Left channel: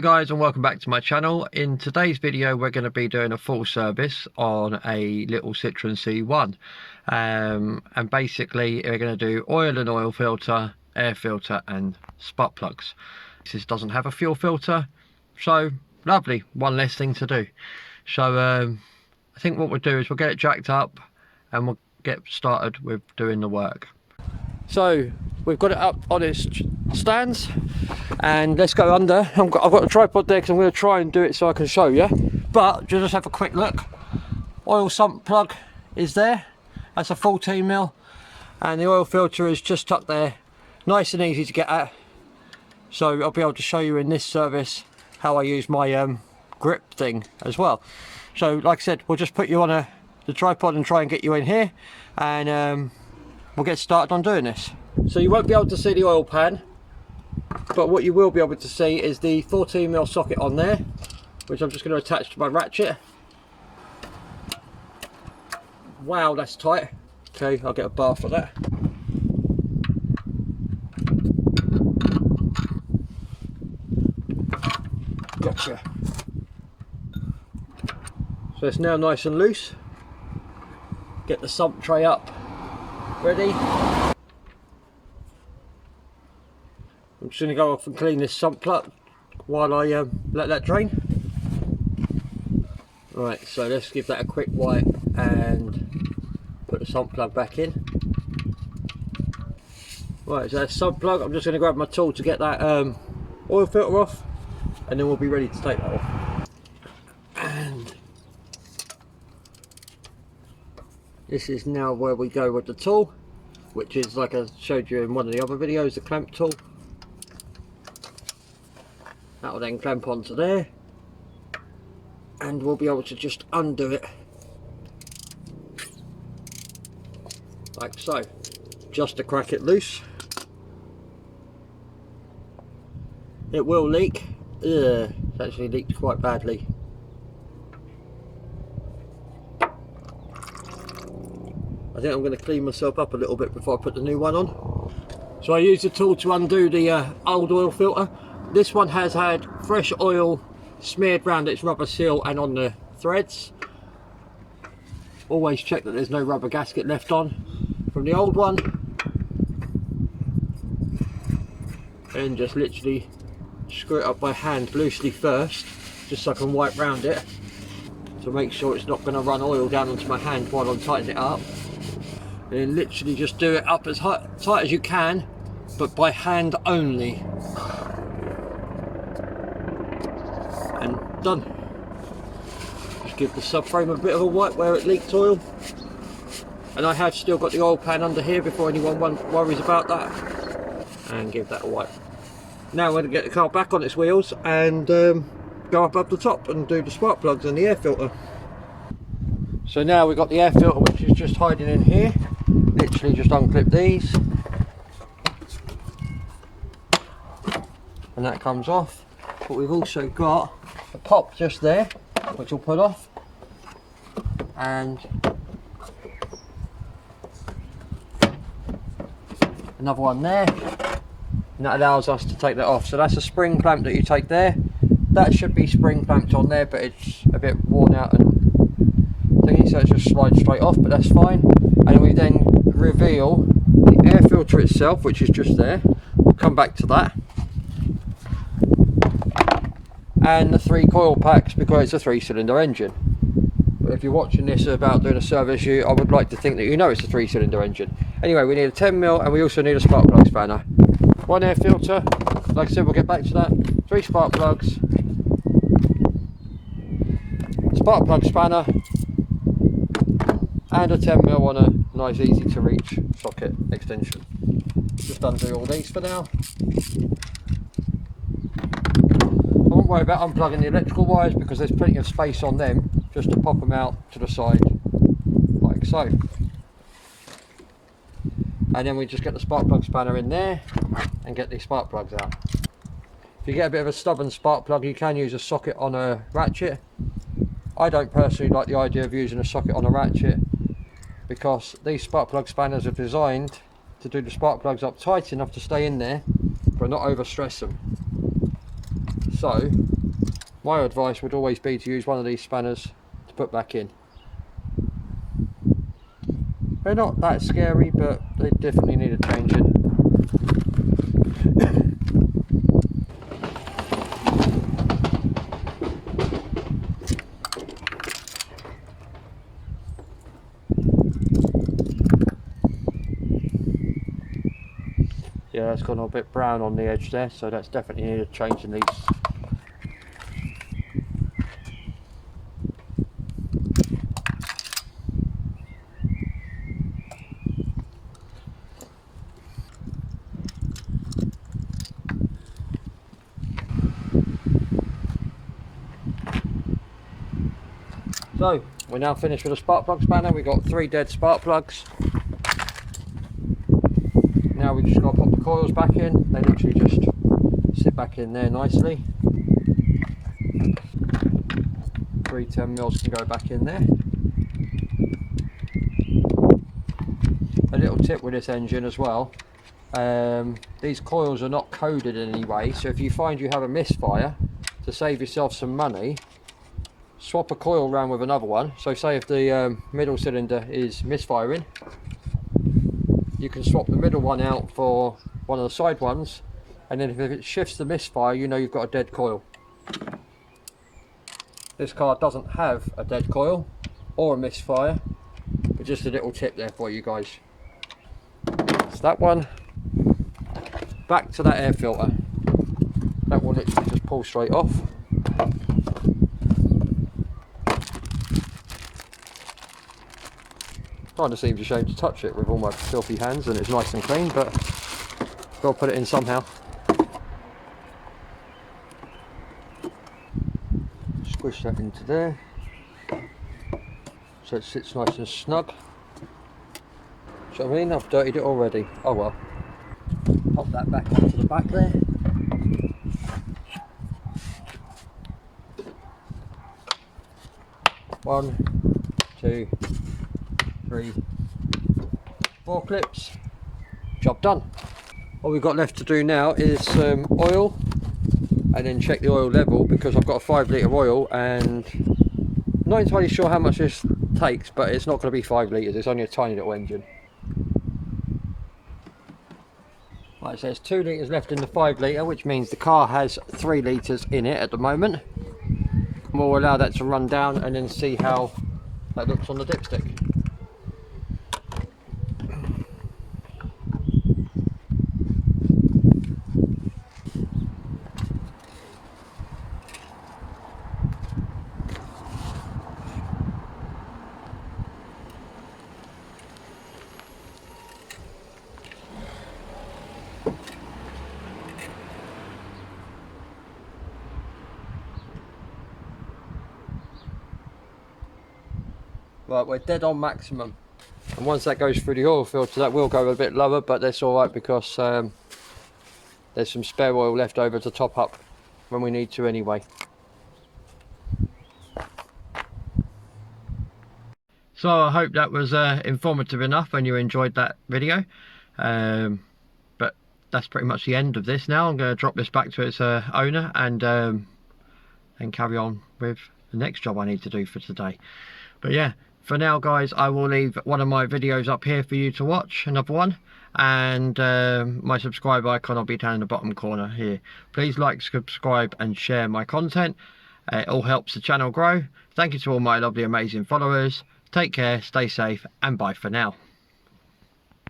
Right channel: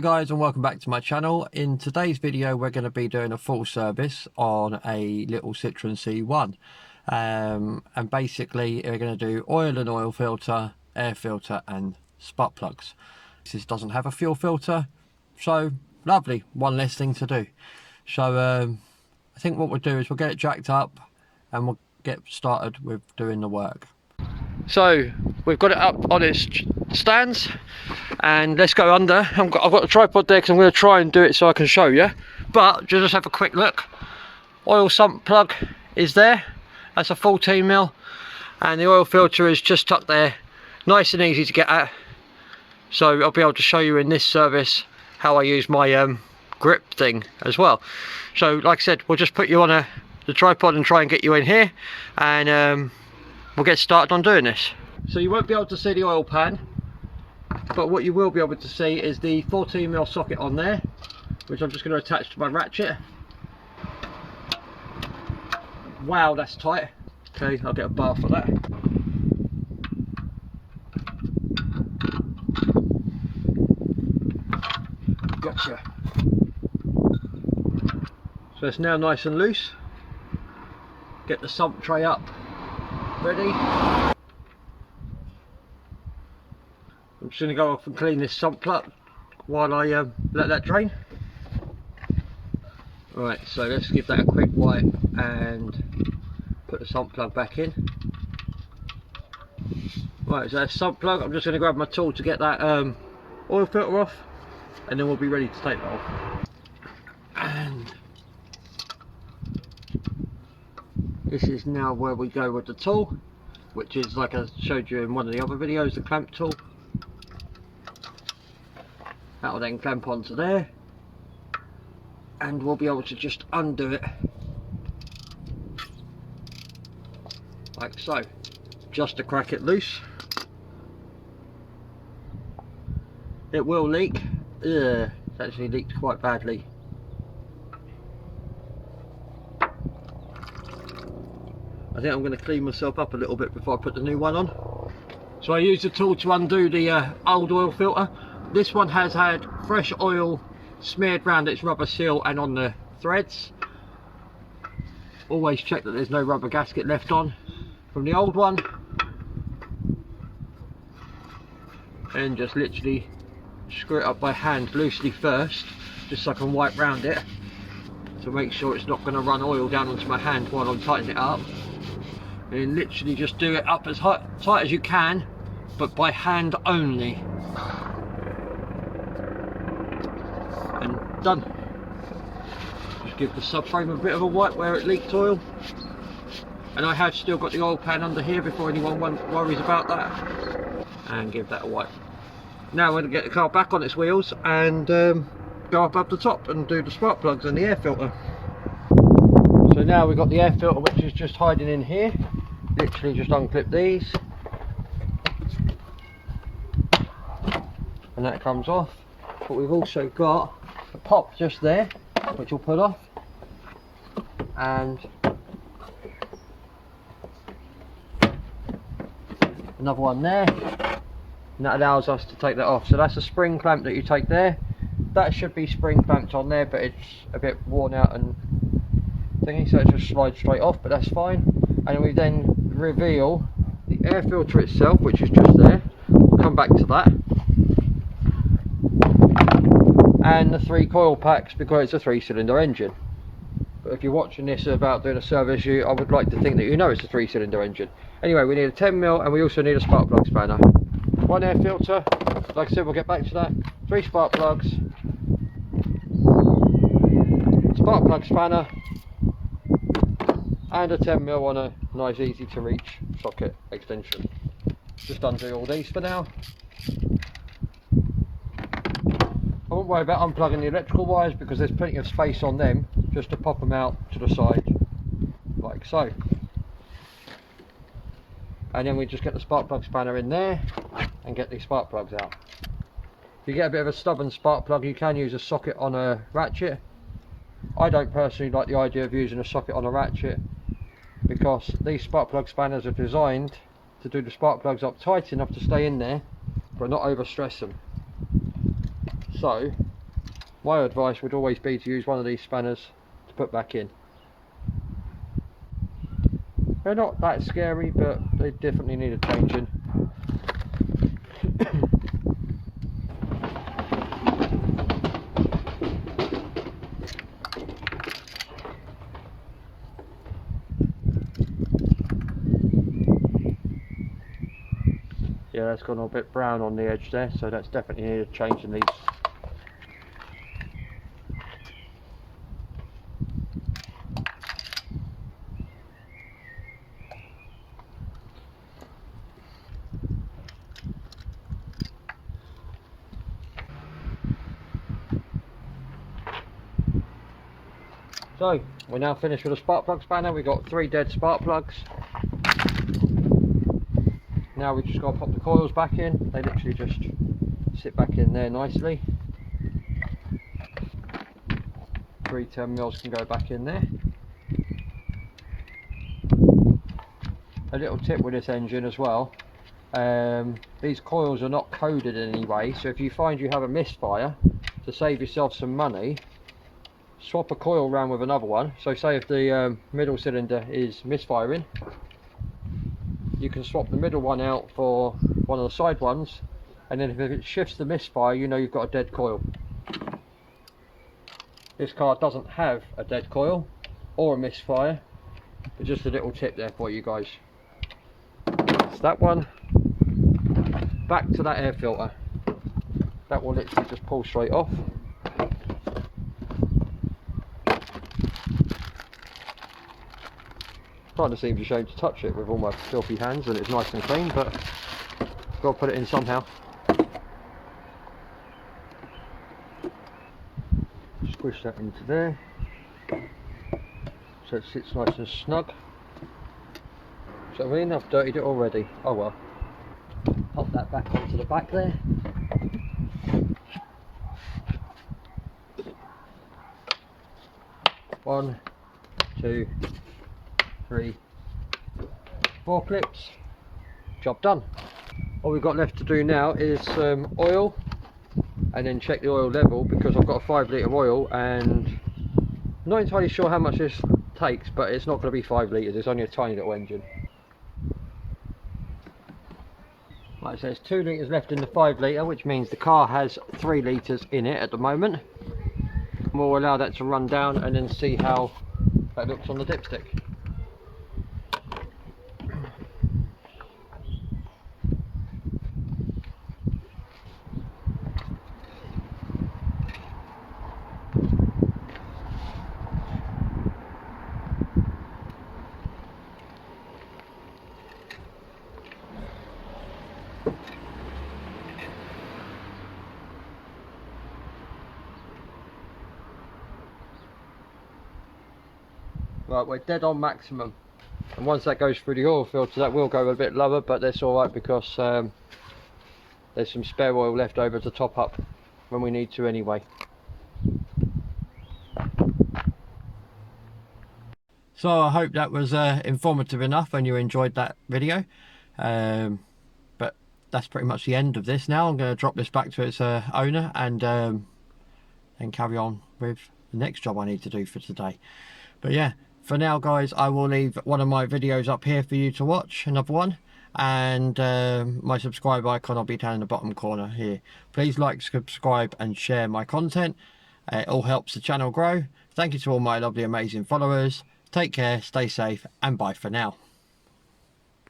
Hello guys, and welcome back to my channel. In today's video we're going to be doing a full service on a little Citroen C1, and basically we're going to do oil and oil filter, air filter and spark plugs. This doesn't have a fuel filter, so lovely, one less thing to do. So I think what we'll do is we'll get it jacked up and we'll get started with doing the work. So we've got it up on its stands and let's go under. I've got the tripod there because I'm going to try and do it so I can show you, but just have a quick look. Oil sump plug is there, that's a 14mm, and the oil filter is just tucked there, nice and easy to get at. So I'll be able to show you in this service how I use my grip thing as well. So like I said, we'll just put you on the tripod and try and get you in here, and we'll get started on doing this. So you won't be able to see the oil pan, but what you will be able to see is the 14mm socket on there, which I'm just going to attach to my ratchet. Wow, that's tight. Okay, I'll get a bar for that. Gotcha. So it's now nice and loose. Get the sump tray up, ready. I'm just going to go off and clean this sump plug while I let that drain. Right, so let's give that a quick wipe and put the sump plug back in. Right, so that's sump plug. I'm just going to grab my tool to get that oil filter off, and then we'll be ready to take that off. And this is now where we go with the tool, which is, like I showed you in one of the other videos, the clamp tool. That will then clamp onto there, and we'll be able to just undo it like so, just to crack it loose. It will leak. It's actually leaked quite badly. I think I'm going to clean myself up a little bit before I put the new one on. So I use the tool to undo the old oil filter. This one has had fresh oil smeared around its rubber seal and on the threads. Always check that there's no rubber gasket left on from the old one. And just literally screw it up by hand loosely first, just so I can wipe round it to make sure it's not going to run oil down onto my hand while I'm tightening it up. And literally just do it up as tight as you can, but by hand only. And done. Just give the subframe a bit of a wipe where it leaked oil. And I have still got the oil pan under here before anyone worries about that. And give that a wipe. Now I'm going to get the car back on its wheels and go up the top and do the spark plugs and the air filter. So now we've got the air filter, which is just hiding in here. Literally just unclip these. And that comes off. But we've also got a pop just there, which will pull off. And another one there. And that allows us to take that off. So that's a spring clamp that you take there. That should be spring clamped on there, but it's a bit worn out and thingy, so it just slides straight off, but that's fine. And we then reveal the air filter itself, which is just there. We'll come back to that. And the 3 coil packs, because it's a 3-cylinder engine. But if you're watching this about doing a service, I would like to think that you know it's a 3-cylinder engine. Anyway, we need a 10mm and we also need a spark plug spanner. 1 air filter, like I said, we'll get back to that. 3 spark plugs, spark plug spanner, and a 10mm on a nice easy to reach socket extension. Just undo all these for now. I won't worry about unplugging the electrical wires because there's plenty of space on them just to pop them out to the side like so. And then we just get the spark plug spanner in there and get these spark plugs out. If you get a bit of a stubborn spark plug, you can use a socket on a ratchet. I don't personally like the idea of using a socket on a ratchet because these spark plug spanners are designed to do the spark plugs up tight enough to stay in there but not overstress them. So my advice would always be to use one of these spanners to put back in. They're not that scary, but they definitely need a changing. Yeah, that's gone a bit brown on the edge there, so that's definitely needed changing these. So we're now finished with the spark plug spanner. We've got 3 dead spark plugs. Now we just got to pop the coils back in. They literally just sit back in there nicely. 3 10mm can go back in there. A little tip with this engine as well, these coils are not coded in any way, so if you find you have a misfire, to save yourself some money, swap a coil around with another one. So say if the middle cylinder is misfiring, you can swap the middle one out for one of the side ones, and then if it shifts the misfire, you know you've got a dead coil. This car doesn't have a dead coil or a misfire, but just a little tip there for you guys. So that one, back to that air filter. That will literally just pull straight off. Kind of seems a shame to touch it with all my filthy hands, and it's nice and clean, but gotta put it in somehow. Squish that into there, so it sits nice and snug. So I mean, I've dirtied it already. Oh well. Pop that back onto the back there. One, 2, 3, 4 clips. Job done. All we've got left to do now is oil, and then check the oil level, because I've got a 5 litre oil and I'm not entirely sure how much this takes, but it's not going to be 5 litres, it's only a tiny little engine. Like I say, it's 2 litres left in the 5 litre, which means the car has 3 litres in it at the moment. We'll allow that to run down and then see how that looks on the dipstick. Right, we're dead on maximum, and once that goes through the oil filter, that will go a bit lower, but that's all right, because there's some spare oil left over to top up when we need to anyway. So I hope that was informative enough and you enjoyed that video, but that's pretty much the end of this. Now I'm going to drop this back to its owner and carry on with the next job I need to do for today. But yeah, for now guys, I will leave one of my videos up here for you to watch, another one, and my subscribe icon will be down in the bottom corner here. Please like, subscribe and share my content. It all helps the channel grow. Thank you to all my lovely amazing followers. Take care, stay safe, and bye for now.